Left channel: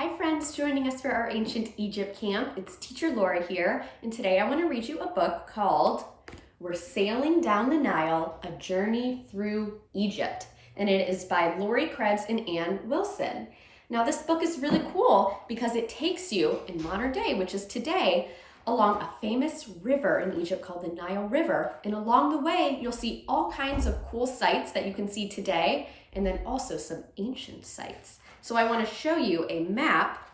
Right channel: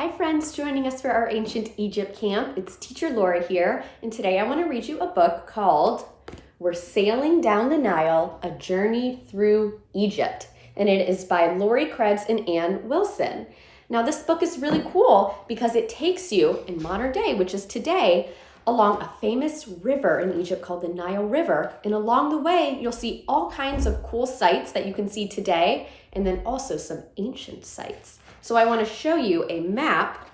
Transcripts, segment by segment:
Hi friends, joining us for our Ancient Egypt camp. It's teacher Laurie here, and today I want to read you a book called We're Sailing Down the Nile, A Journey Through Egypt. And it is by Laurie, Krebs, and Ann Wilson. Now this book is really cool because it takes you in modern day, which is today, along a famous river in Egypt called the Nile River. And along the way, you'll see all kinds of cool sights that you can see today, and then also some ancient sites. So I want to show you a map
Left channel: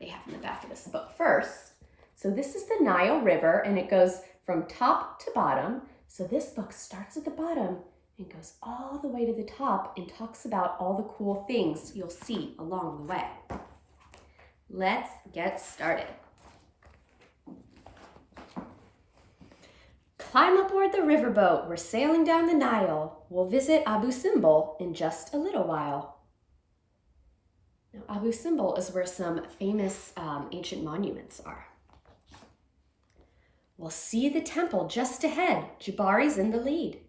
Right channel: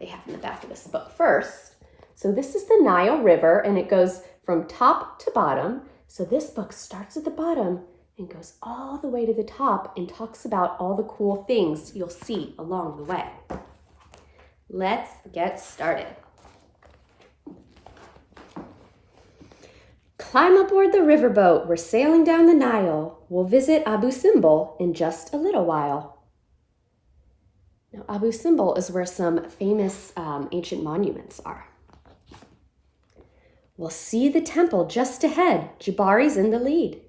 they have in the back of this book first. So this is the Nile River, and it goes from top to bottom. So this book starts at the bottom and goes all the way to the top and talks about all the cool things you'll see along the way. Let's get started. Climb aboard the riverboat. We're sailing down the Nile. We'll visit Abu Simbel in just a little while. Now, Abu Simbel is where some famous ancient monuments are. We'll see the temple just ahead. Jabari's in the lead.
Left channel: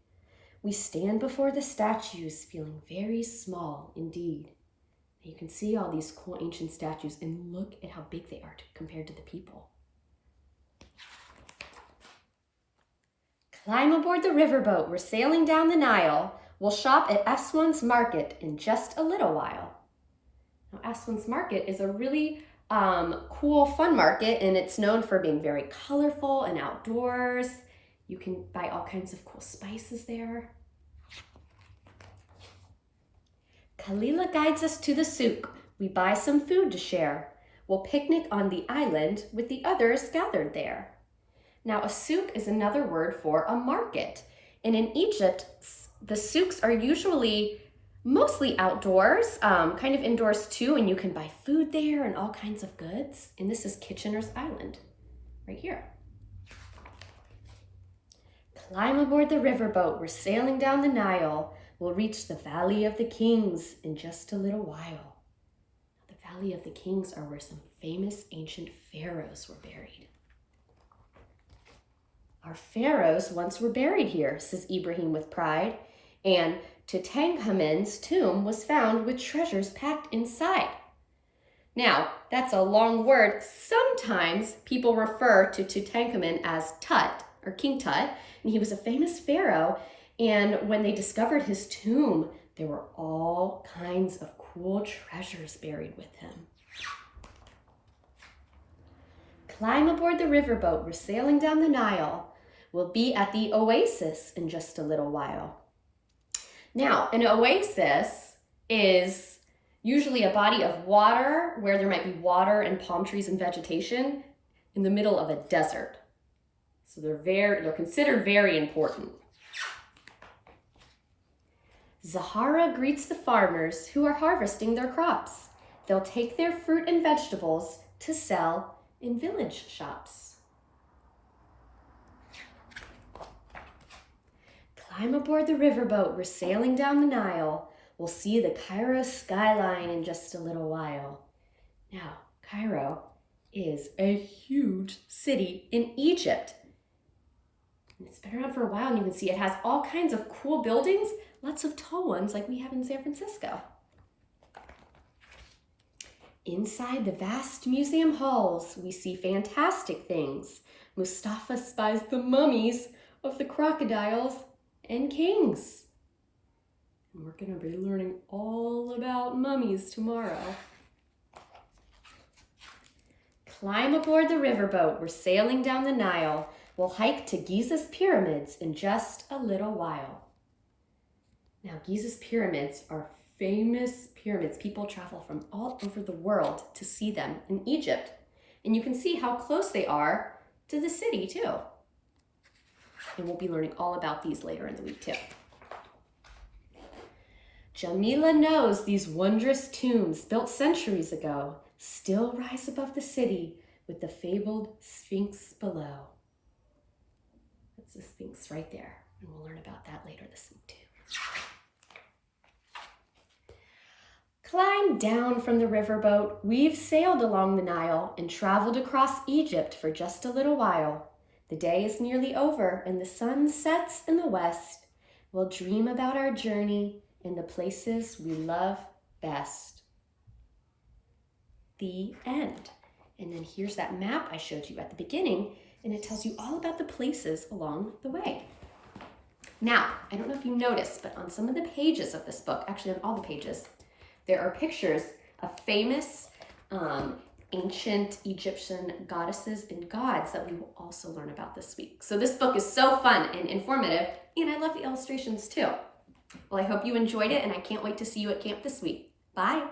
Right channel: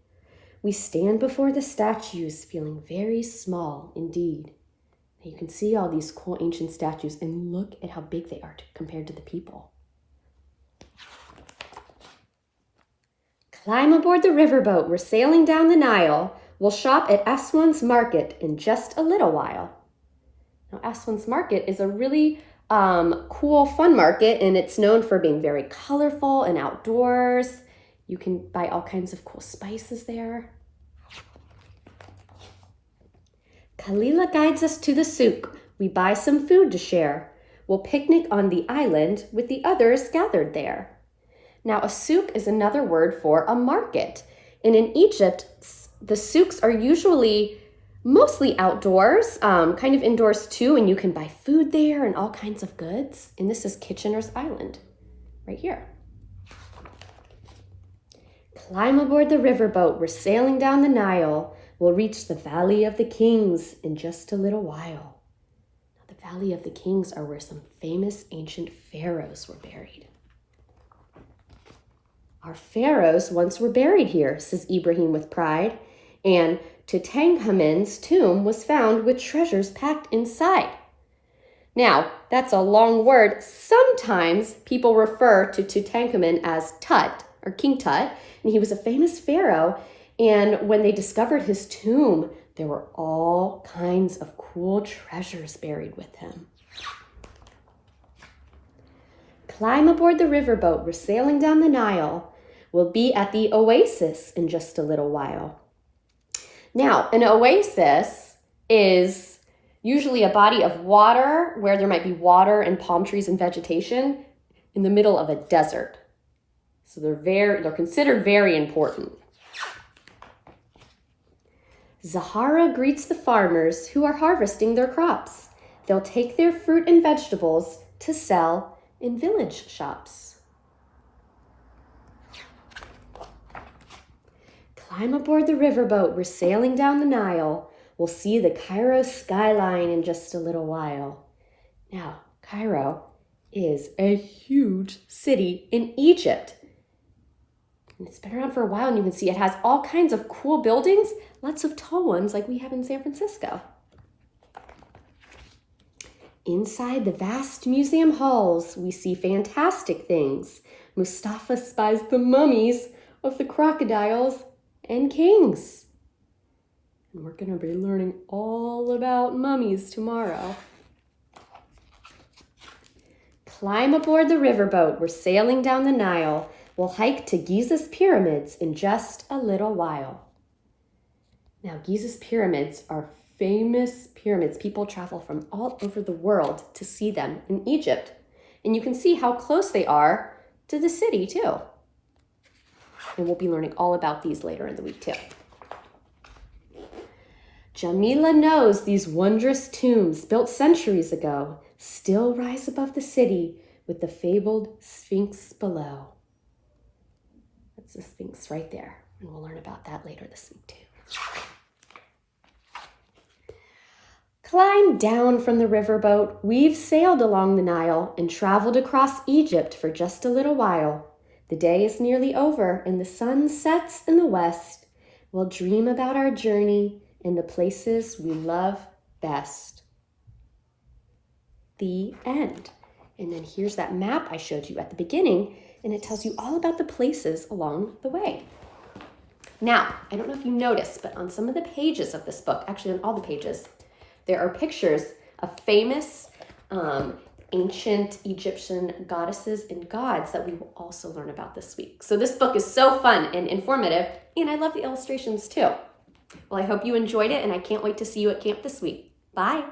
We stand before the statues, feeling very small indeed. Now, you can see all these cool ancient statues, and look at how big they are compared to the people. Climb aboard the riverboat. We're sailing down the Nile. We'll shop at Aswan's market in just a little while. Now, Aswan's market is a really cool, fun market, and it's known for being very colorful and outdoors. You can buy all kinds of cool spices there. Kalila guides us to the souk. We buy some food to share. We'll picnic on the island with the others gathered there. Now, a souk is another word for a market. And in Egypt, the souks are usually mostly outdoors, kind of indoors too, and you can buy food there and all kinds of goods. And this is Kitchener's Island, right here. Climb aboard the riverboat. We're sailing down the Nile. We'll reach the Valley of the Kings in just a little while. The Valley of the Kings are where some famous ancient pharaohs were buried. Our pharaohs once were buried here, says Ibrahim with pride, and Tutankhamun's tomb was found with treasures packed inside. Now, that's a long word. Sometimes people refer to Tutankhamun as Tut, or King Tut, and he was a famous pharaoh. And when they discovered his tomb, there were all kinds of cool treasures buried with him. Climb aboard the riverboat. We're sailing down the Nile. We'll be at the Oasis in just a little while. Now, an oasis is usually a body of water where there might be water and palm trees and vegetation in the middle of a desert. So they're considered very important. Zahara greets the farmers who are harvesting their crops. They'll take their fruit and vegetables to sell in village shops. Climb aboard the riverboat. We're sailing down the Nile. We'll see the Cairo skyline in just a little while. Now, Cairo is a huge city in Egypt. And it's been around for a while, and you can see it has all kinds of cool buildings, lots of tall ones like we have in San Francisco. Inside the vast museum halls, we see fantastic things. Mustafa spies the mummies of the crocodiles and kings. And we're going to be learning all about mummies tomorrow. Climb aboard the riverboat. We're sailing down the Nile. We'll hike to Giza's pyramids in just a little while. Now, Giza's pyramids are famous pyramids. People travel from all over the world to see them in Egypt. And you can see how close they are to the city, too. And we'll be learning all about these later in the week, too. Jamila knows these wondrous tombs built centuries ago still rise above the city with the fabled Sphinx below. That's the Sphinx right there. And we'll learn about that later this week, too. Climb down from the riverboat. We've sailed along the Nile and traveled across Egypt for just a little while. The day is nearly over and the sun sets in the west. We'll dream about our journey and the places we love best. the end. And then here's that map I showed you at the beginning, and it tells you all about the places along the way. Now, I don't know if you noticed, but on some of the pages of this book, actually on all the pages, there are pictures of famous ancient Egyptian goddesses and gods that we will also learn about this week. So this book is so fun and informative, and I love the illustrations too. Well, I hope you enjoyed it, and I can't wait to see you at camp this week. Bye.